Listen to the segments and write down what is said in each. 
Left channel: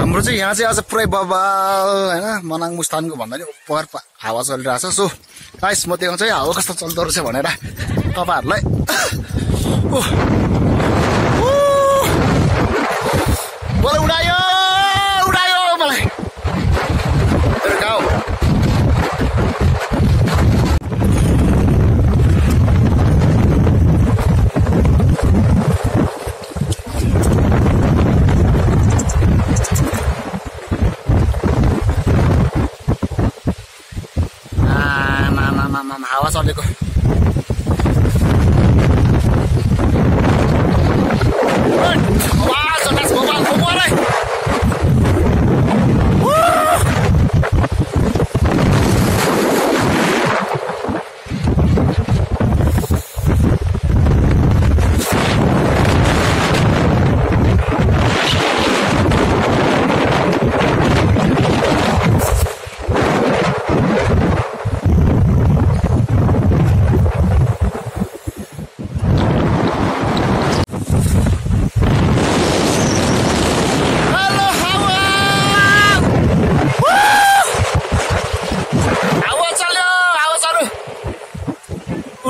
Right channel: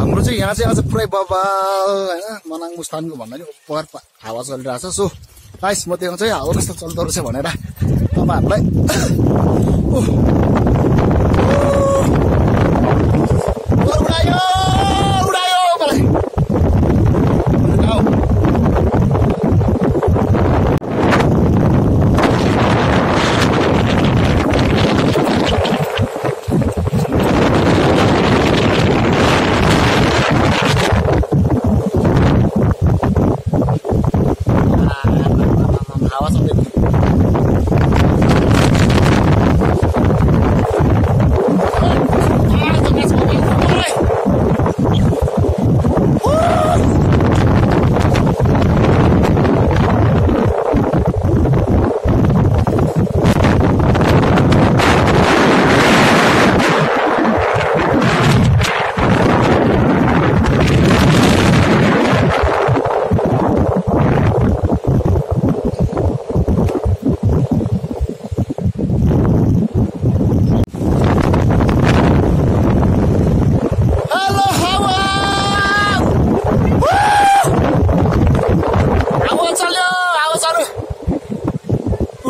हाम्रो चाहिँ यहाँ चाहिँ आज पुरै बबाल हैन मनाङ मुस्तानको भन्दा नि उपर हावा चलिरहेछ। सो गाइस म देखाउँछु है हावा कस्तो चल्दो रहेछ भनेर तपाईहरुलाई। उडायो उडायो मलाई मेरो गाउँ। हावा चलेको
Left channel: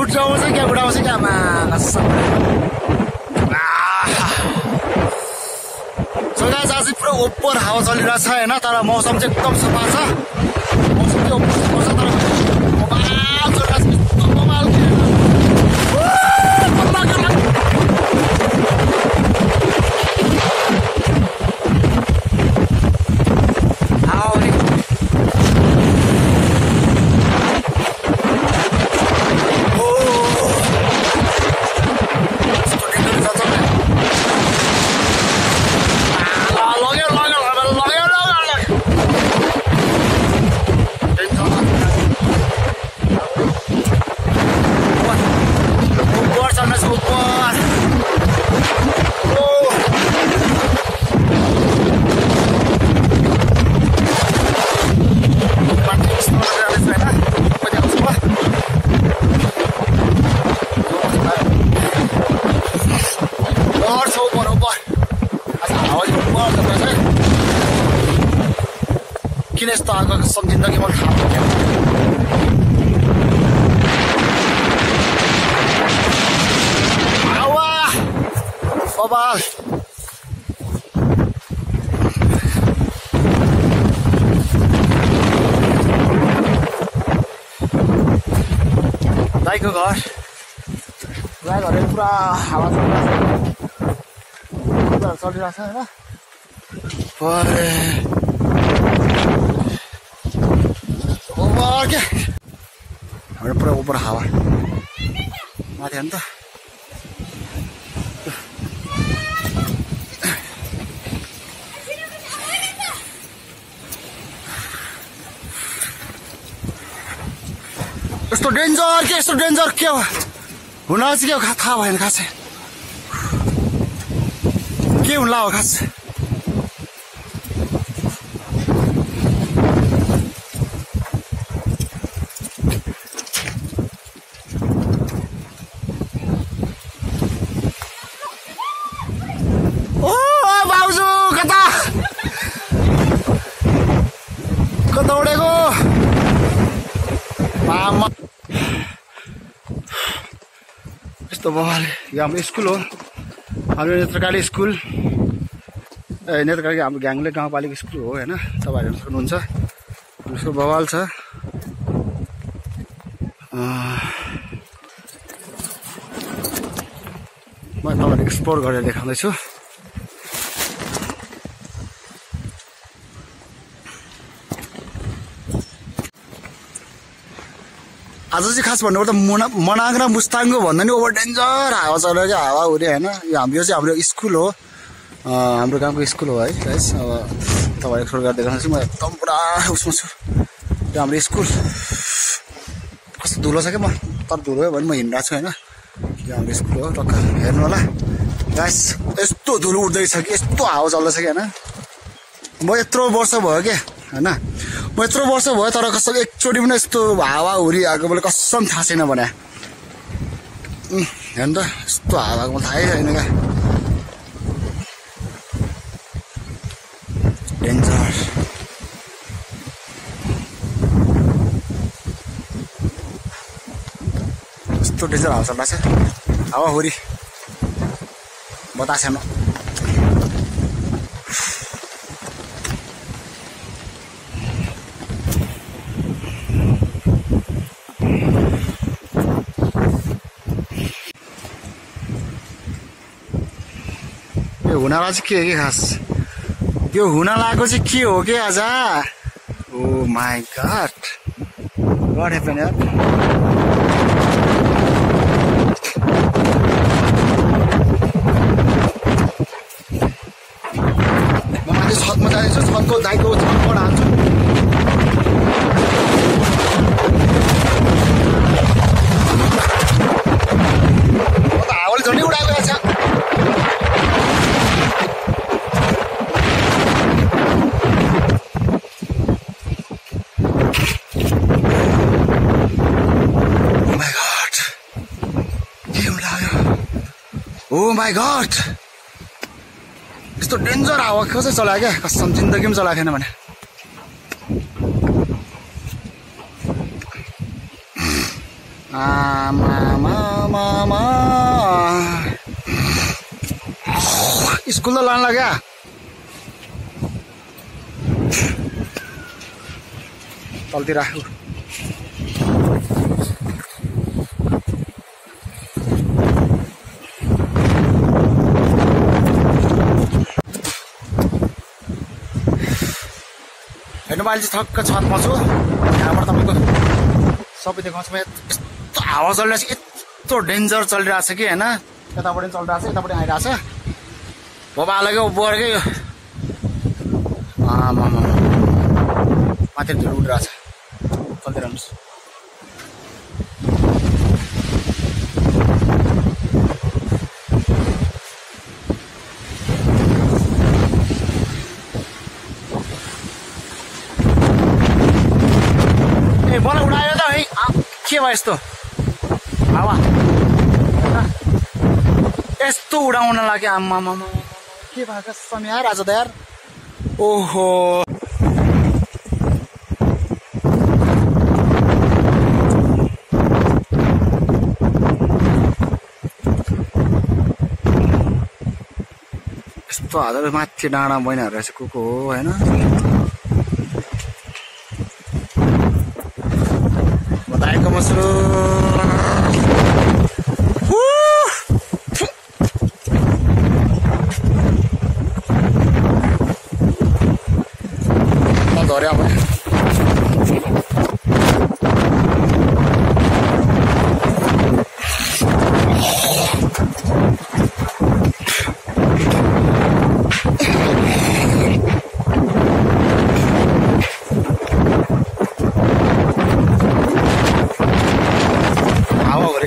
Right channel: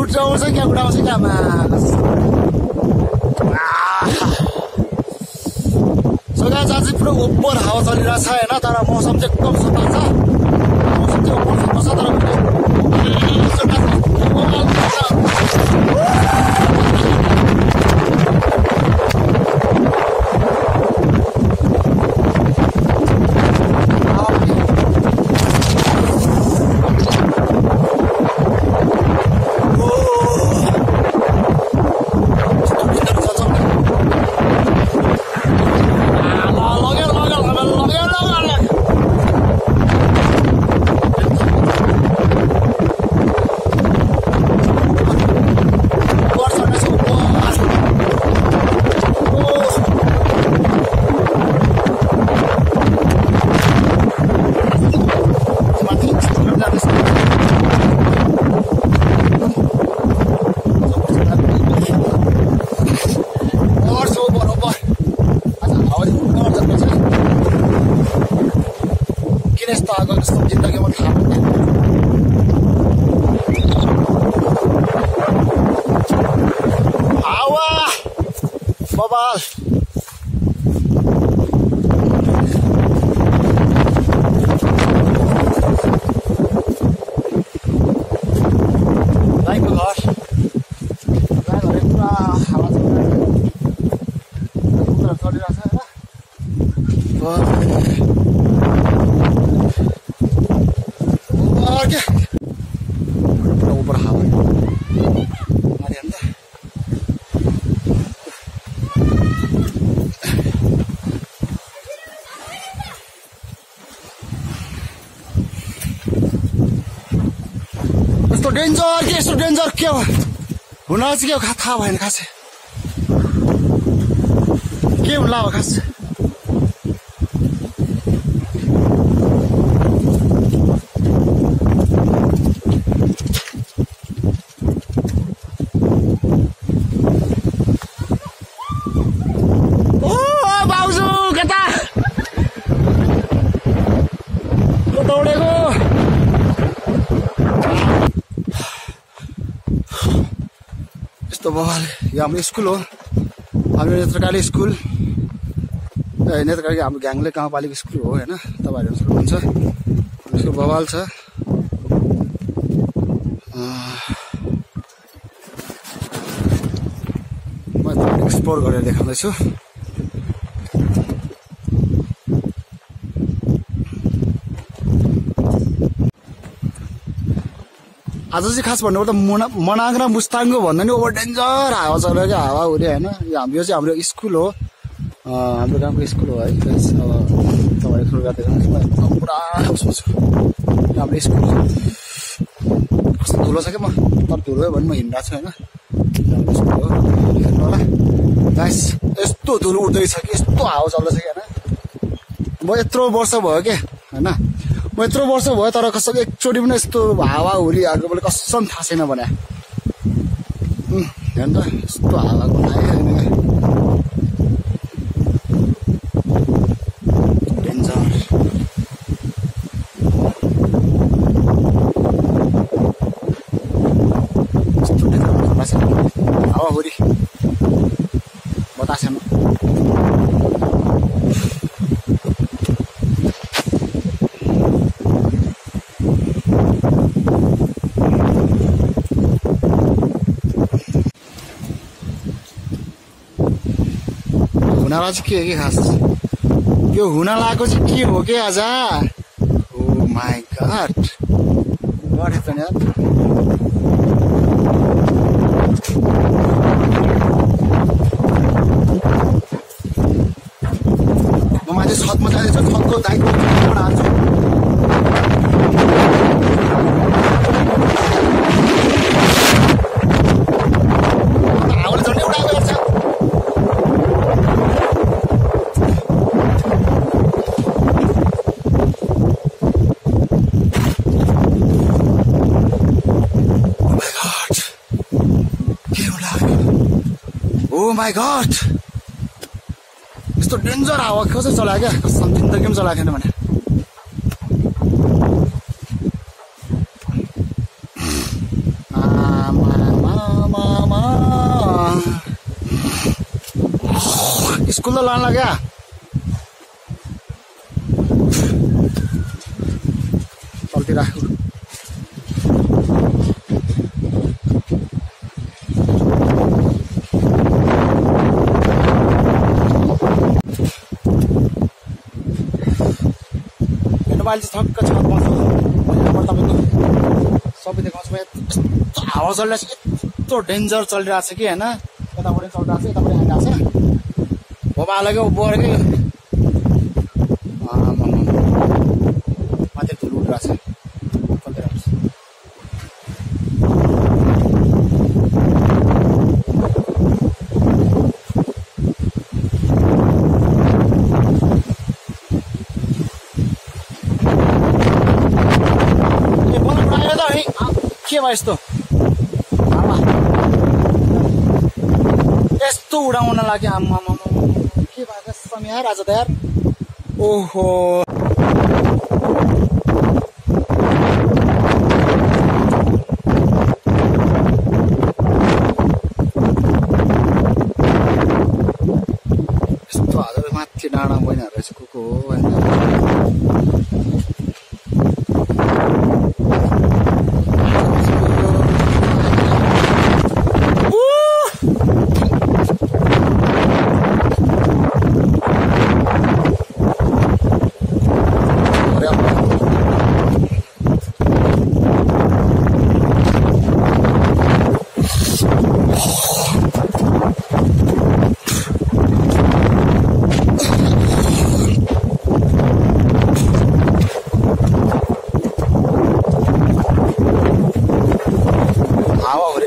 उडाउँछ क्या गाइस आज पुरा ओभर हावा चलिरहेछ हैन। तर मौसम चाहिँ एकदम सफा छ। मौसम चाहिँ ओभर सफा छ तर किन यस्तो आएको सब जिन्दगी म थाहा पाउँदैन। हावा बबाल दाइको घर पुरा हावा चलिरहेछ क्या पुरा ऊपर हावा माथि अन्त यस्तो डेन्जर के हो हुन चाहिँ के हो थाहा भएन खासै के हुन्ला हो खास। दौडेको यस्तो बवाल। यो हाम्रो स्कुल हो, हाम्रो नेत्रकारी स्कुल नेत्रकारी हाम्रो ग्याङले गाउँपालिका स्कुल हो हैन। तपाईहरु हेर्न सक्नुहुन्छ यसको बवाल छ। म तपाईहरुलाई एक्सप्लोर गरेर देखाउँदै छु। आज चाहिँ खास भन्नुपर्दा मनाङ र मुस्ताङको भन्दा नि ओभर डेन्जर हावा चल्यो क्या हावा हुरी हैन। यो चाहिँ हाम्रो स्कुल हो, हाम्रो गाउँको स्कुल हो है गाइस। अब तपाईहरु एक्सप्लोर गरेर देखाउँछु। म एकदम पुरा उसमा छु। यो हाम्रो स्कुल कस्तो धुलो छ क्या म तर धुलो भने म हिँडिरहेको छु हैन। यो हाम्रो स्कुल हो टक्क हेर्नु होला गाइस। यस्तो धुलो उड्दैछ कि यस्तो हावा चल्दैछ कि हैन। म यत्रो वर्ष भयो क्या हैन, म यत्रो वर्ष भयो तर कसैले एकचोटि पनि यस्तो हावा हुरी आएको मैले कसम थाहा छैन भने। हेर्नु त यस्तो हावाको थाहै छैन क्या। डेन्जर यस्तो डेन्जर हावा चल्दा छ हावाहुरी बतासेन हुनाला चाहिँ के हो कि खास यो हुन लागेको चाहिँ के हो कि आज ओ माई गॉड व्हाट ह्यापन यार म माथि छतमा जाँदैछु छतको दाइको छतबाट हाल्छु म त हावाले झन्डै उडाएको रहेछ Oh my god! यस्तो डेन्जर हावा कसै चलायो क्या कसम जिन्दगीमा चलाएको थिएन भने स्कुल त लान लाग्यो तलतिर अहिले चाहिँ ठक्क छतमा छु यहाँबाट तपाईँको सबै देखाउँछु यस्तो हावा चलिरहेको छ यस्तो डेन्जर चलिरहेको छ कि होइन यताबाट पनि चलिरहेको छ यतापट्टि आइरहेको छ भोबालकै बोरकै माथि उडिरहेको छ चलिदिइरहनुहोस् मलाई उडायो त है के भयो यस्तो हावा यस्तो उडाउन लाग्यो आम्मा के भएको समय यार आज त यार ओहो यस्तो हालेर माथि डाँडा बहिनीहरू रहेछ को हो होइन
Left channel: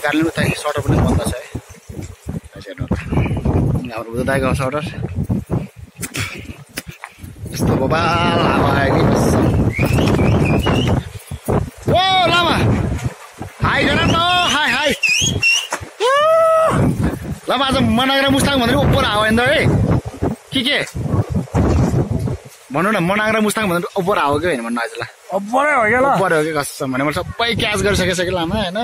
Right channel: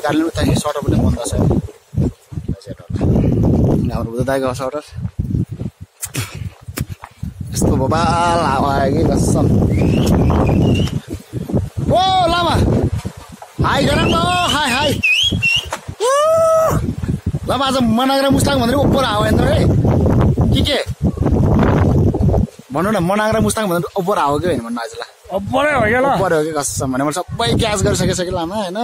कारणले उता सर्टर पनि बन्द छ है हाम्रो बुद्ध दाइको सर्टर यस्तो बबाल हावा आयो कि कसम ओ लामा हाई गर न हाई हाई लामा आज मनाङ र मुस्ताङ भनेर ओपर हावा हेर्नु है के भन्नु न मनाङ र मुस्ताङ भनेर ओपर हावा कि होइन भन्नु आज ल ओपर हो कि कसम भने मैले सबै क्याच गरिसकेछ कि लामा होइन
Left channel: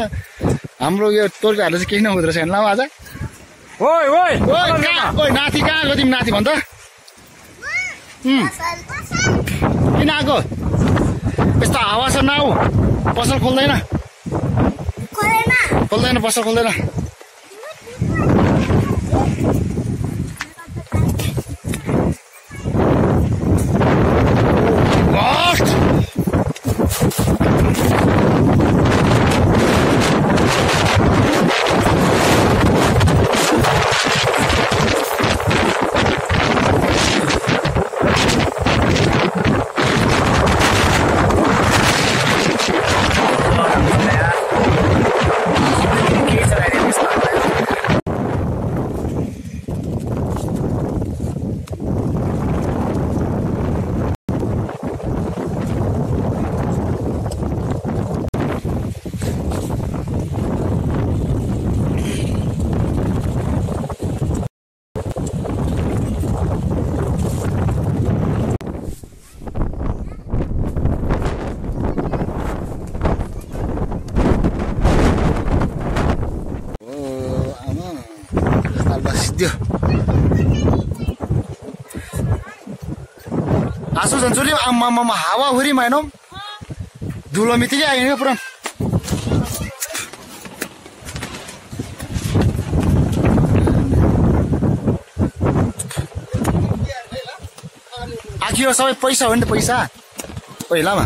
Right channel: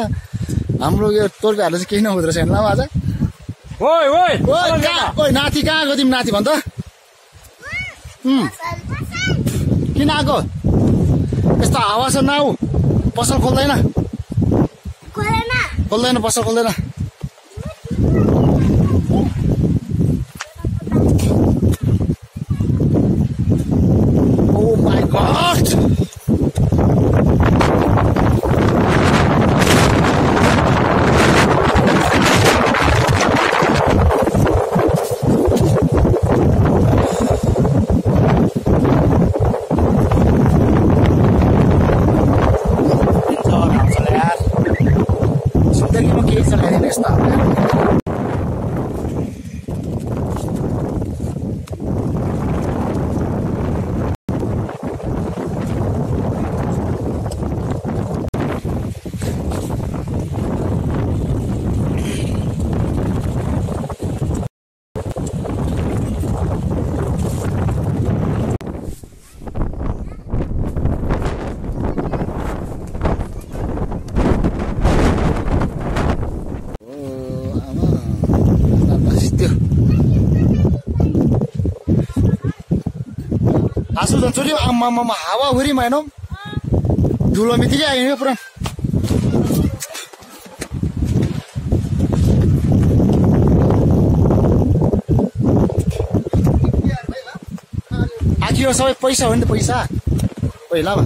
हाम्रो यो तोर्पाहरूले चाहिँ केही नहुँदो रहेछ लामा आज ओइ ओइ ओइ ओइ नाति कहाँ आएको तिमी नाति भन् त किन आएको यस्तो हावा छ नाउ पसल खोल्दैन पसल खोल्दैन Sorry. हाँसु झन्चुली आम्मामा हावाहुरी माइनौ धुलो मितिकै आइयो पुरा आखिर सबै पैसा हो नि त पैसा पहिलामा